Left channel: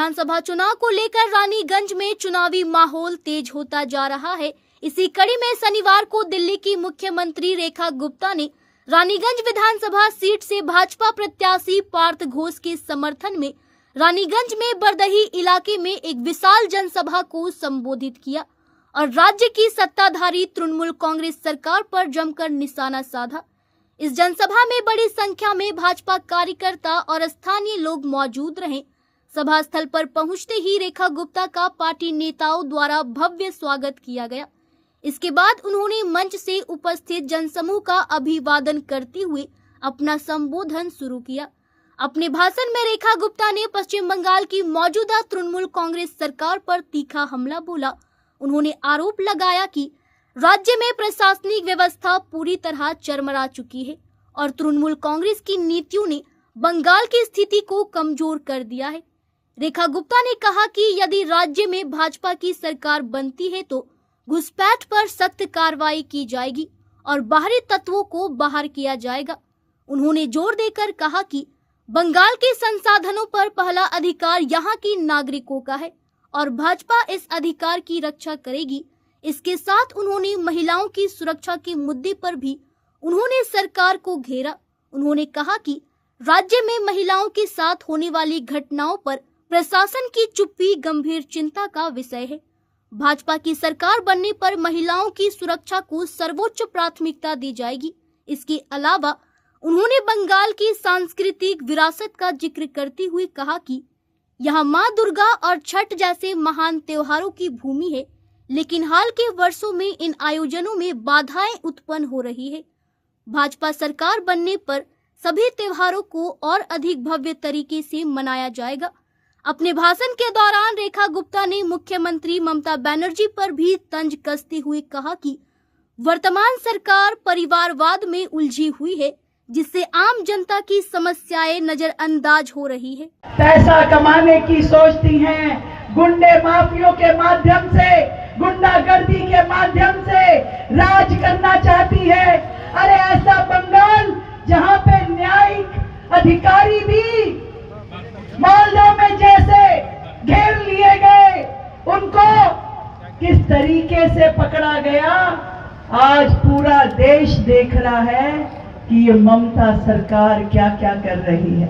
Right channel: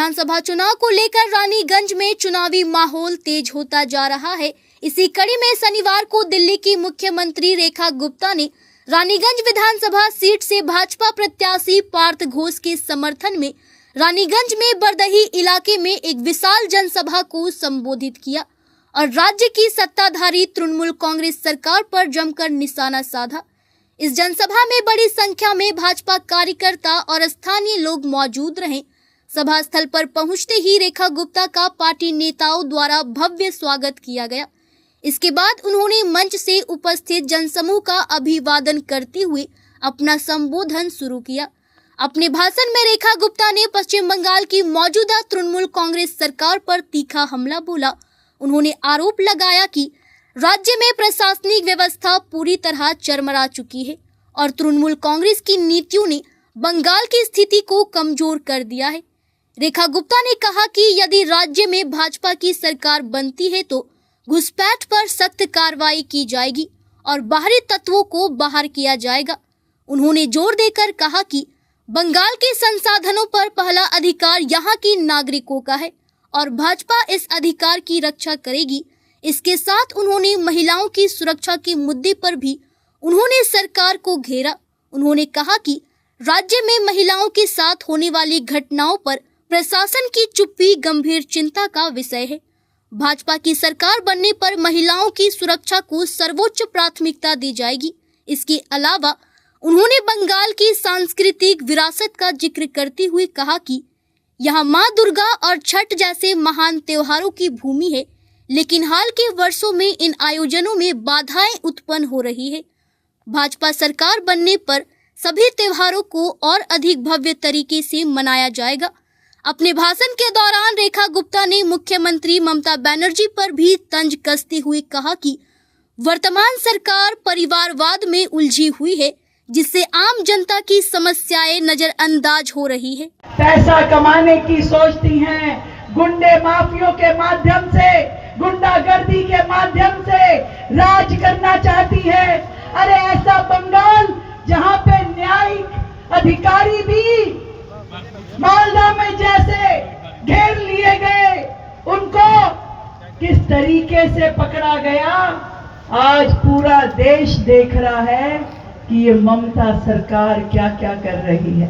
विधानसभा चुनाव को लेकर रानीगंज में चुनावी माहौल तेज होता जा रहा है। इसी कड़ी में शनिवार को दिल्ली की मुख्यमंत्री रेखा गुप्ता ने रानीगंज विधानसभा सीट से भाजपा प्रत्याशी पार्थ घोष के समर्थन में रानीगंज में बरदही इलाके में एक विशाल जनसभा को संबोधित किया और राज्य की सत्ताधारी तृणमूल कांग्रेस सरकार पर जमकर निशाना साधा। इस जनसभा में बड़ी संख्या में भाजपा कार्यकर्ता और स्थानीय लोग मौजूद रहे। सभा स्थल पर पहुंचते ही रेखा गुप्ता का पार्टी नेताओं द्वारा भव्य स्वागत किया गया। इसके बाद उन्होंने मंच से उपस्थित जनसमूह का अभिवादन करते हुए अपना संबोधन शुरू किया। अपने भाषण में रेखा गुप्ता ने पश्चिम बंगाल की मौजूदा तृणमूल कांग्रेस सरकार पर तीखा हमला बोला। उन्होंने आरोप लगाया कि राज्य में प्रशासनिक व्यवस्था पूरी तरह चरमरा चुकी है और तृणमूल कांग्रेस की नीतियों ने बंगाल की स्थिति को कमजोर कर दिया है। रेखा गुप्ता ने कहा कि यदि राज्य में भाजपा की सरकार बनती है तो घुसपैठ पर सख्त कार्रवाई की जाएगी और बाहरी तत्वों को बाहर किया जाएगा। उन्होंने जोर देकर कहा कि बंगाल के संसाधनों पर पहला अधिकार यहाँ के नागरिकों का है और भाजपा इस अधिकार की रक्षा करेगी। इसके साथ उन्होंने महिलाओं की सुरक्षा के मुद्दे पर भी उन्होंने सरकार को घेरा। उन्होंने कहा कि राज्य में महिलाओं के साथ होने वाली घटनाओं पर प्रशासन की चुप्पी गंभीर चिंता का विषय है। भाजपा की सरकार बनने पर महिलाओं की सुरक्षा को सर्वोच्च प्राथमिकता दी जाएगी। इसके अलावा उन्होंने बंगाल की सांस्कृतिक विरासत का जिक्र करते हुए कहा कि यहाँ माँ दुर्गा और छठ जैसे महान त्योहारों की भूमि है, लेकिन हाल के वर्षों में इन आयोजनों में बाधाएं उत्पन्न हो रही है। भाजपा सरकार बनने पर सभी त्योहारों को और अधिक भव्य तरीके से मनाया जाएगा। अपने भाषण के दौरान रेखा गुप्ता ने मुख्यमंत्री ममता बनर्जी पर भी तंज कसते हुए कहा कि वर्तमान सरकार परिवारवाद में उलझी हुई है, जिससे आम जनता की समस्याएं नजरअंदाज हो रही है। पैसा कमाने की सोचती हैं, गुंडे माफियों के माध्यम से, गुंडागर्दी के माध्यम से राज करना चाहती है। अरे ऐसा बंगाल जहां पे न्यायिक अधिकारी भी मालदा में जैसे घेर लिए गए, उनको किस तरीके से पकड़ा गया, आज पूरा देश देख रहा है कि ये ममता सरकार क्या क्या कर रही है।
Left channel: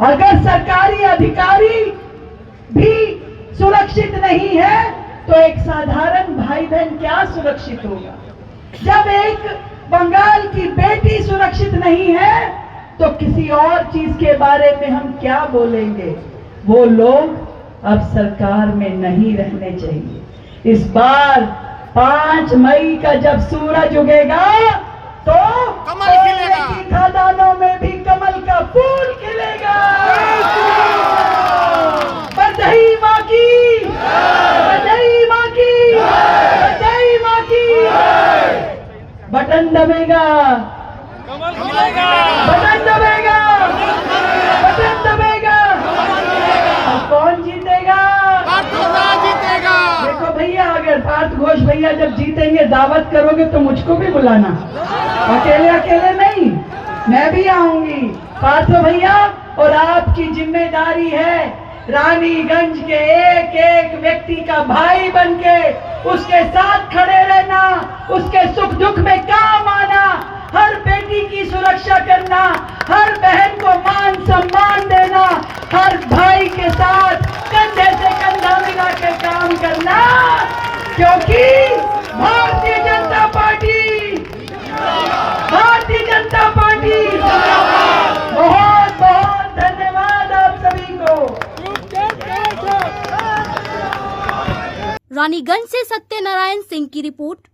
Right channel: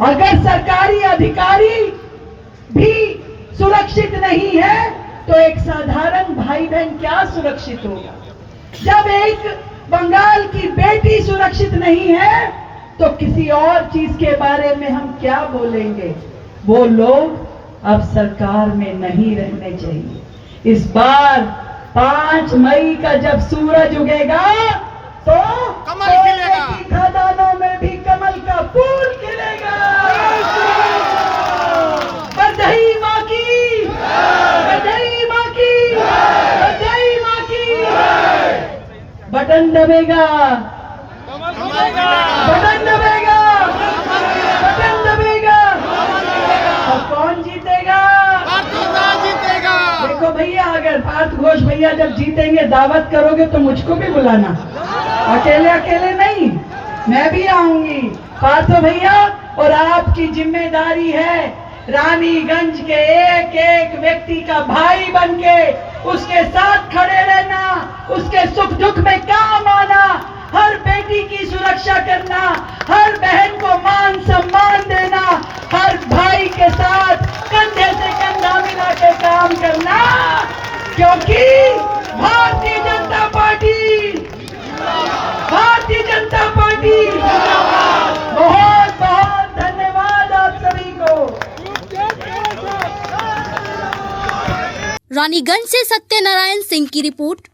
अगर सरकारी अधिकारी भी सुरक्षित नहीं है तो एक साधारण भाई बहन क्या सुरक्षित होगा। जब एक बंगाल की बेटी सुरक्षित नहीं है तो किसी और चीज के बारे में हम क्या बोलेंगे। वो लोग अब सरकार में नहीं रहने चाहिए। इस बार 5 मई का जब सूरज उगेगा तो कमल खिलेगा, खदानों में भी कमल का फूल खिलेगा। बधाई माँ की, बधाई माँ की, बधाई माँ की। बटन दबेगा, बटन दबेगा, बटन दबेगा। और कौन जीतेगा? पार्थ घोष जीतेगा। देखो भैया, अगर पार्थ घोष भैया जब जीतेंगे दावत करोगे तो मुझको भी बुलाना, अकेले अकेले नहीं, मैं भी आऊंगी। पार्थ भैया, और आपकी जिम्मेदारी है रानीगंज के एक एक व्यक्ति का भाई बनके उसके साथ खड़े रहना, उसके सुख दुख में काम आना, हर बेटी की सुरक्षा करना, हर बहन को मान सम्मान देना, हर भाई के साथ कंधे से कंधा मिला के काम करना, क्योंकि भारतीय जनता पार्टी, भारतीय जनता पार्टी। बहुत बहुत धन्यवाद आप सभी को। रानीगंज से सत्यनारायण सिंह की रिपोर्ट।